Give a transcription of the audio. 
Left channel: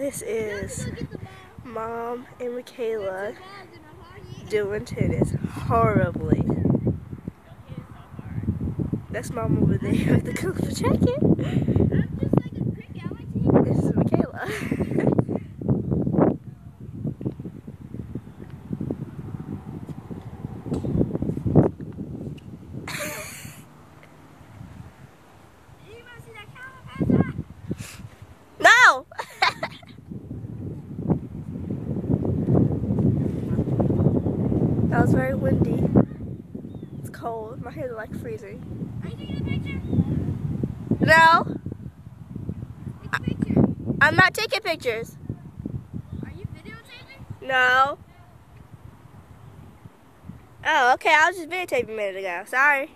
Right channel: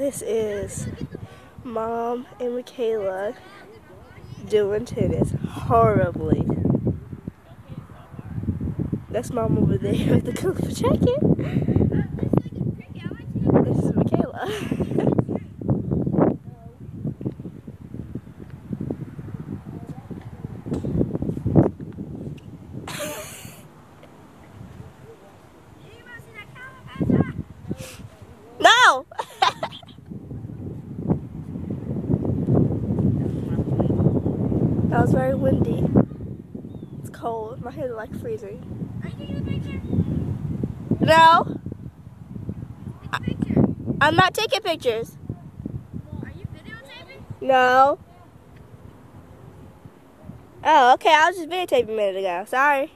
This is Mom and Michaela doing tennis horribly. That's Mom over there with the colorful jacket. This is Michaela. No! That was very windy. It's cold. My hands are like freezing. Are you taking a picture? No! Take a picture. I'm not taking pictures. Are you videotaping? No. Oh, okay. I was just videotaping a minute ago. Sorry.